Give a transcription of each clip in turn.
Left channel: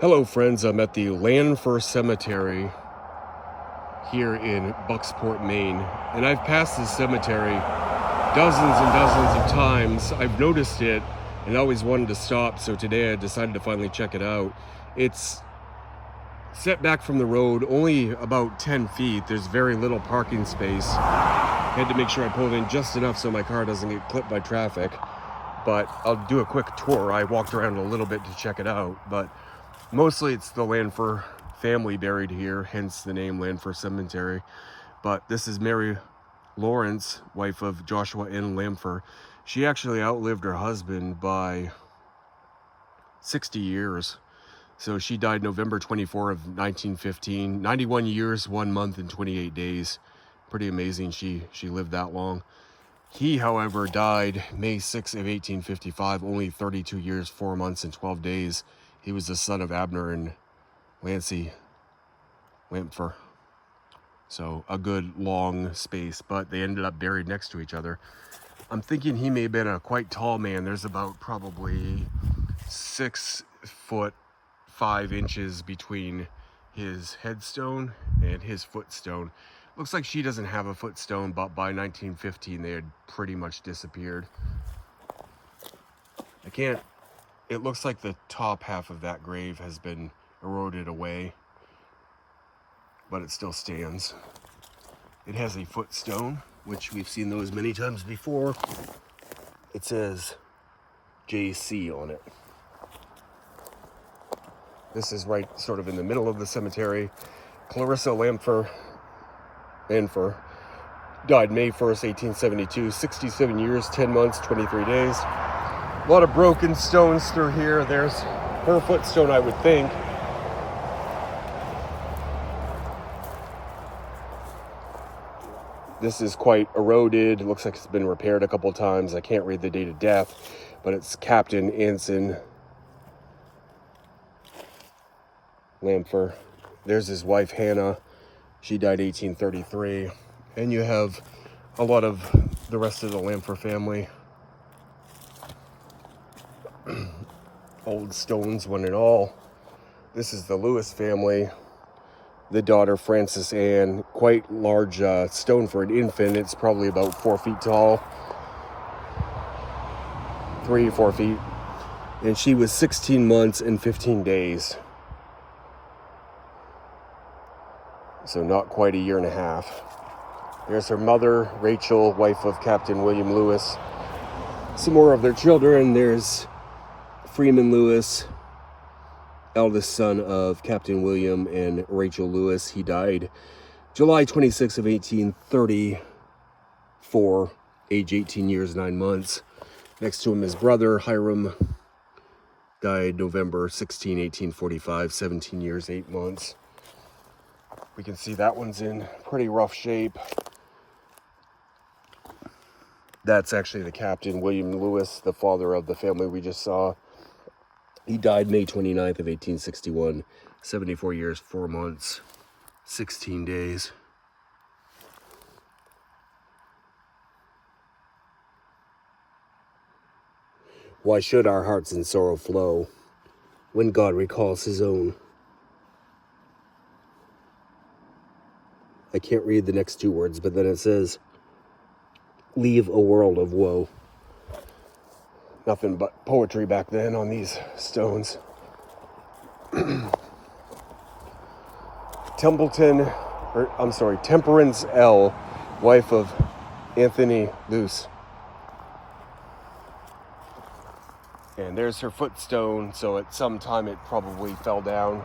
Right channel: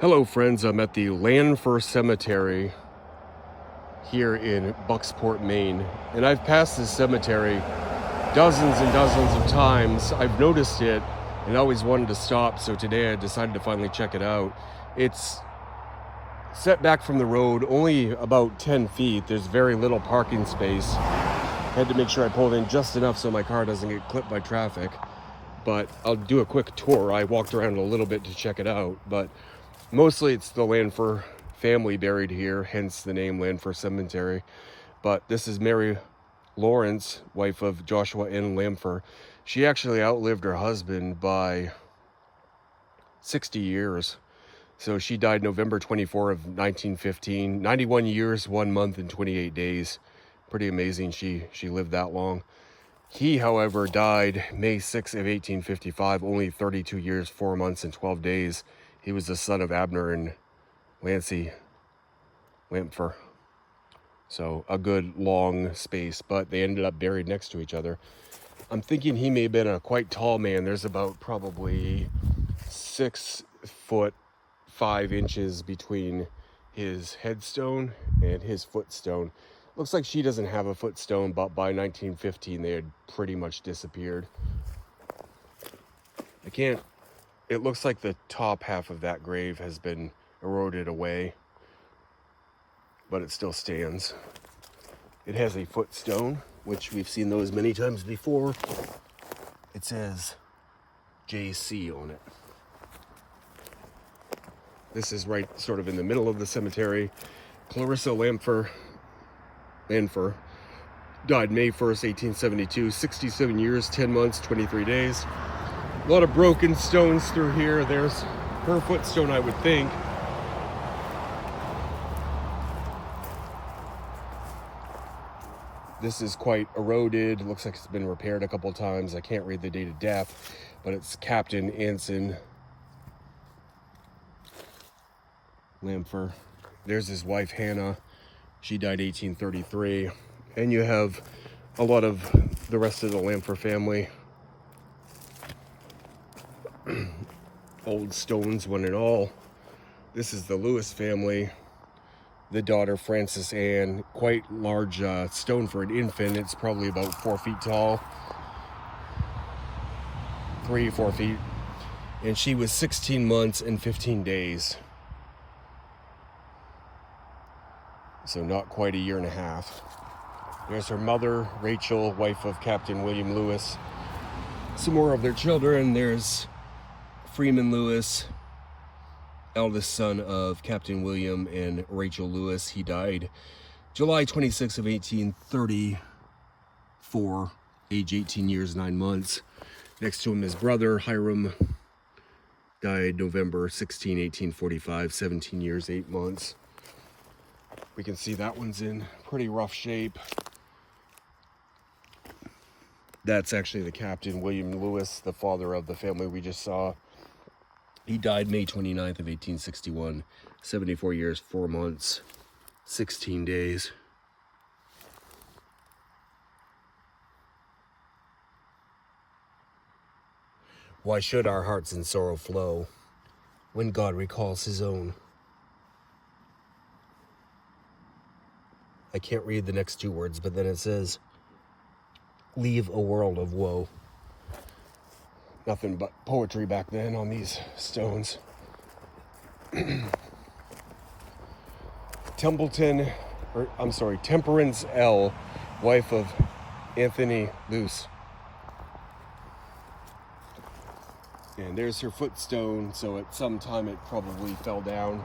Hello friends, I'm at the Lanpher Cemetery here in Bucksport, Maine, and I've passed this cemetery dozens and dozens of times. I've noticed it and always wanted to stop, so today I decided to finally check it out. It's set back from the road only about 10 feet. There's very little parking space. I had to make sure I pulled in just enough so my car doesn't get clipped by traffic, but I'll do a quick tour. I walked around a little bit to check it out, but mostly it's the Lanpher family buried here, hence the name Lanpher Cemetery. But this is Mary Lawrence, wife of Joshua N. Lanpher. She actually outlived her husband by 60 years. So she died November 24 of 1915, 91 years, 1 month, and 28 days. Pretty amazing she lived that long. He, however, died May 6 of 1855, only 32 years, 4 months, and 12 days. He was the son of Abner and Lancy Lanpher. So a good long space, but they ended up buried next to each other. I'm thinking he may have been a quite tall man. There's about probably 6 foot 5 inches between his headstone and his footstone. Looks like she doesn't have a footstone, but by 1915 they had pretty much disappeared. It looks like the top half of that grave has been eroded away, but it still stands. It has a footstone, which we've seen those many times before. It says JC on it. This is right sort of in the middle of the cemetery. Clarissa Lanpher died May 1st, 1872, 67 years, 10 months, 23 days. A lot of broken stones through here. There's her footstone, I would think. This is quite eroded. It looks like it's been repaired a couple times. I can't read the date of death, but it's Captain Anson Lanpher. There's his wife, Hannah. She died 1833. And you have a lot of the rest of the Lanpher family. Old stones, one and all. This is the Lewis family. The daughter, Frances Ann. Quite large stone for an infant. It's probably about 4 feet tall. 3-4 feet. And she was 16 months and 15 days. So not quite a year and a half. There's her mother, Rachel, wife of Captain William Lewis. Some more of their children. There's Freeman Lewis, eldest son of Captain William and Rachel Lewis. He died July 26 of 1834, age 18 years, 9 months. Next to him, his brother, Hiram, died November 16, 1845, 17 years, 8 months. We can see that one's in pretty rough shape. That's actually the Captain William Lewis, the father of the family we just saw. He died May 29th of 1861, 74 years, 4 months, 16 days. Why should our hearts in sorrow flow when God recalls his own? I can't read the next 2 words, but then it says, leave a world of woe. Nothing but poetry back then on these stones. Temperance L., wife of Anthony Luce. And there's her footstone, so at some time it probably fell down.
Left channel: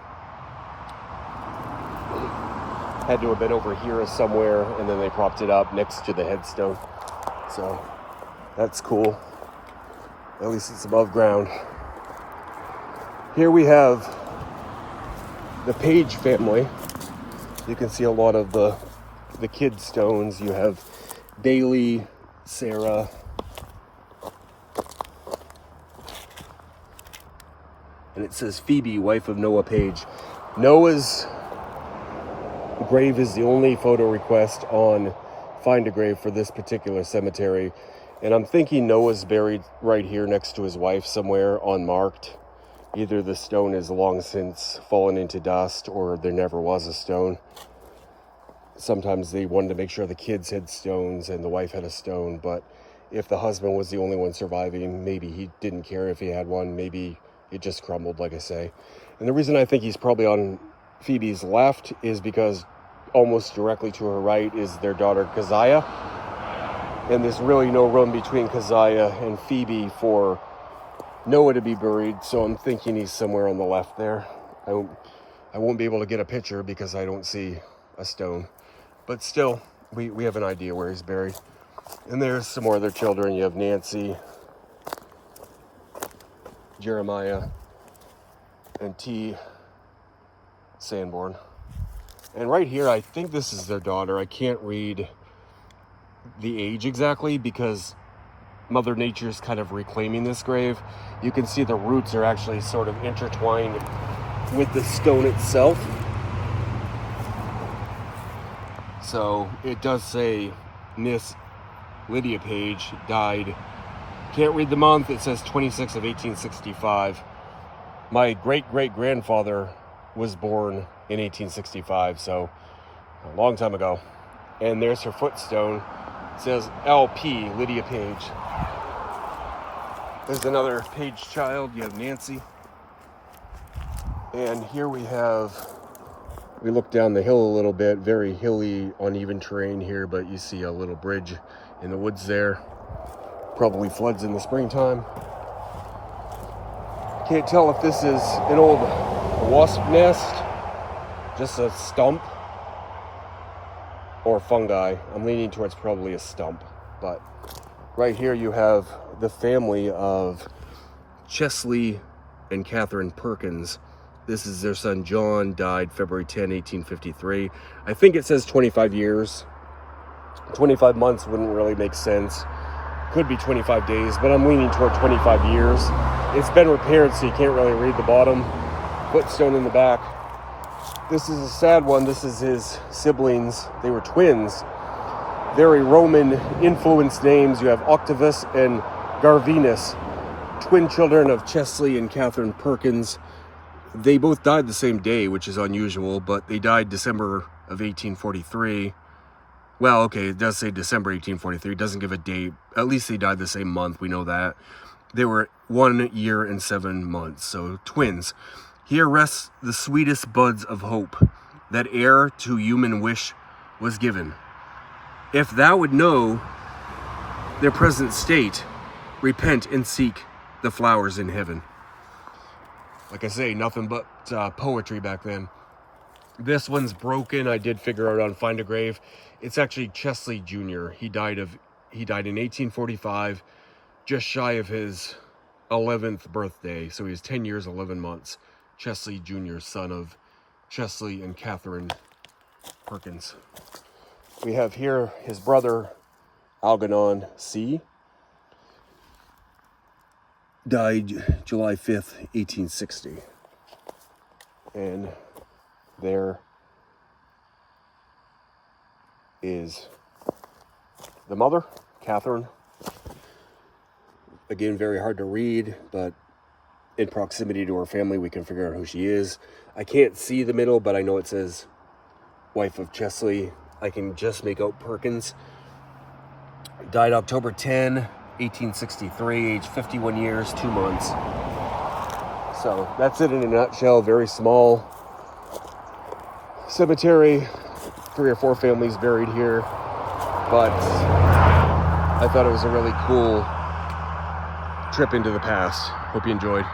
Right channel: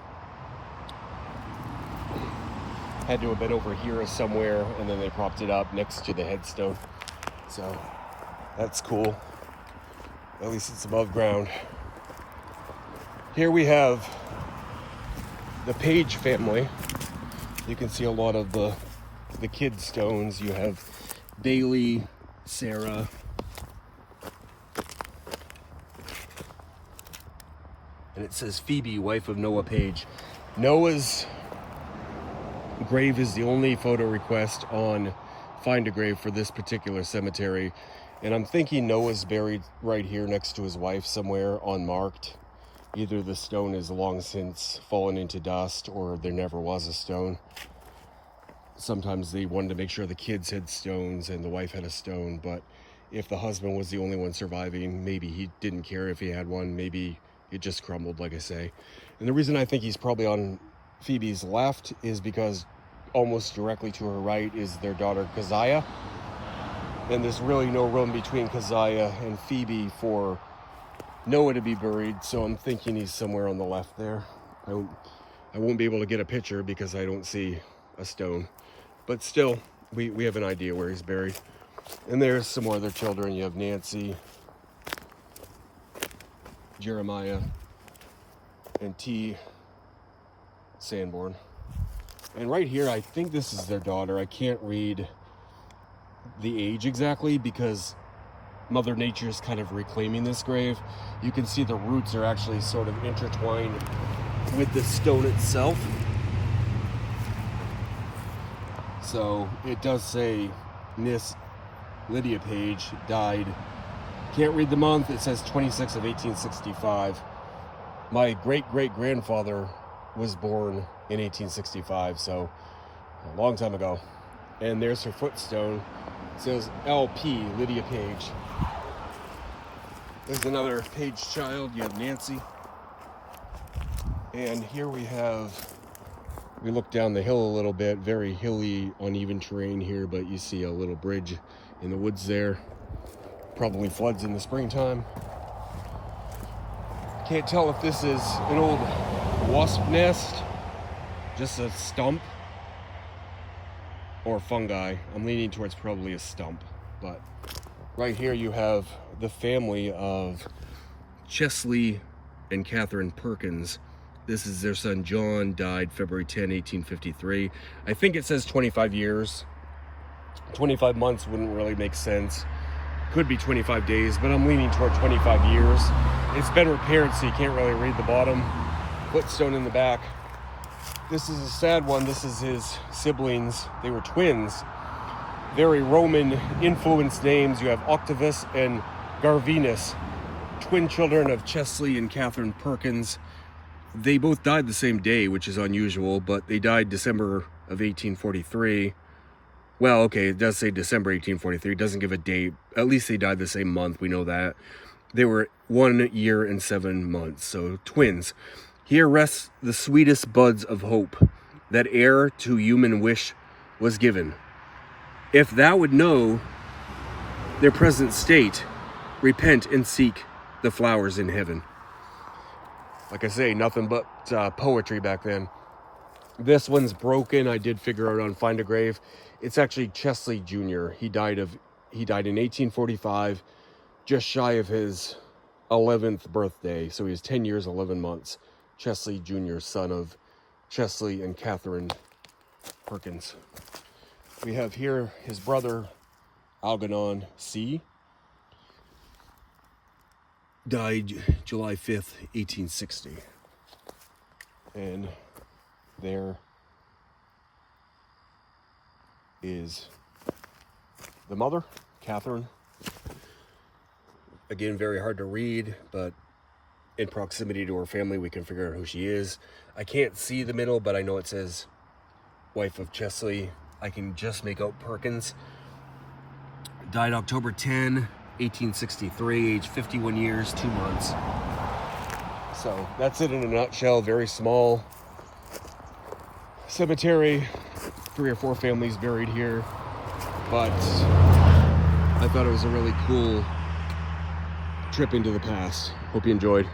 Had to have been over here somewhere, and then they propped it up next to the headstone. So that's cool. At least it's above ground. Here we have the Page family. You can see a lot of the kid stones. You have Bailey, Sarah, and it says Phoebe, wife of Noah Page. Noah's grave is the only photo request on Find a Grave for this particular cemetery, and I'm thinking Noah's buried right here next to his wife somewhere, unmarked. Either the stone is long since fallen into dust, or there never was a stone. Sometimes they wanted to make sure the kids had stones and the wife had a stone, but if the husband was the only one surviving, maybe he didn't care if he had one. Maybe it just crumbled, like I say. And the reason I think he's probably on Phoebe's left is because almost directly to her right is their daughter Keziah, and there's really no room between Keziah and Phoebe for Noah to be buried, so I'm thinking he's somewhere on the left there. I won't be able to get a picture because I don't see a stone, but still, we have an idea where he's buried. And there's some more other children. You have Nancy, Jeremiah, and T. Sanborn. And right here, I think this is their daughter. I can't read the age exactly because Mother Nature is kind of reclaiming this grave. You can see the roots are actually sort of intertwined with the stone itself. So it does say Miss Lydia Page died. Can't read the month. It says 26 of 1865. My great-great-grandfather was born in 1865, so a long time ago. And there's her footstone. It says LP, Lydia Page. There's another Page child. You have Nancy. And here we look down the hill a little bit, very hilly, uneven terrain here, but you see a little bridge in the woods there. Probably floods in the springtime. Can't tell if this is an old wasp nest, just a stump, or fungi. I'm leaning towards probably a stump, but right here you have the family of Chesley and Catherine Perkins. This is their son John, died February 10, 1853. I think it says 25 years. 25 months wouldn't really make sense. Could be 25 days, but I'm leaning toward 25 years. It's been repaired, so you can't really read the bottom. Footstone in the back. This is a sad one. This is his siblings. They were twins. Very Roman-influenced names. You have Octavius and Garvinus, twin children of Chesley and Catherine Perkins. They both died the same day, which is unusual, but they died December of 1843. Well, okay, it does say December 1843. It doesn't give a date. At least they died the same month. We know that. They were 1 year and 7 months, so twins. Here rests the sweetest buds of hope, that heir to human wish was given. If thou would know their present state, repent and seek the flowers in heaven. Like I say, nothing but poetry back then. This one's broken. I did figure out on Find a Grave. It's actually Chesley Jr. He died in 1845, just shy of his 11th birthday. So he was 10 years, 11 months. Chesley Jr., son of Chesley and Catherine Perkins. We have here his brother, Algernon C. Died July 5th, 1860. And there is the mother, Catherine. Again, very hard to read, but in proximity to her family, we can figure out who she is. I can't see the middle, but I know it says wife of Chesley. I can just make out Perkins. Died October 10, 1863, age 51 years, 2 months. So that's it in a nutshell. Very small cemetery, 3 or 4 families buried here, but I thought it was a really cool trip into the past. Hope you enjoyed.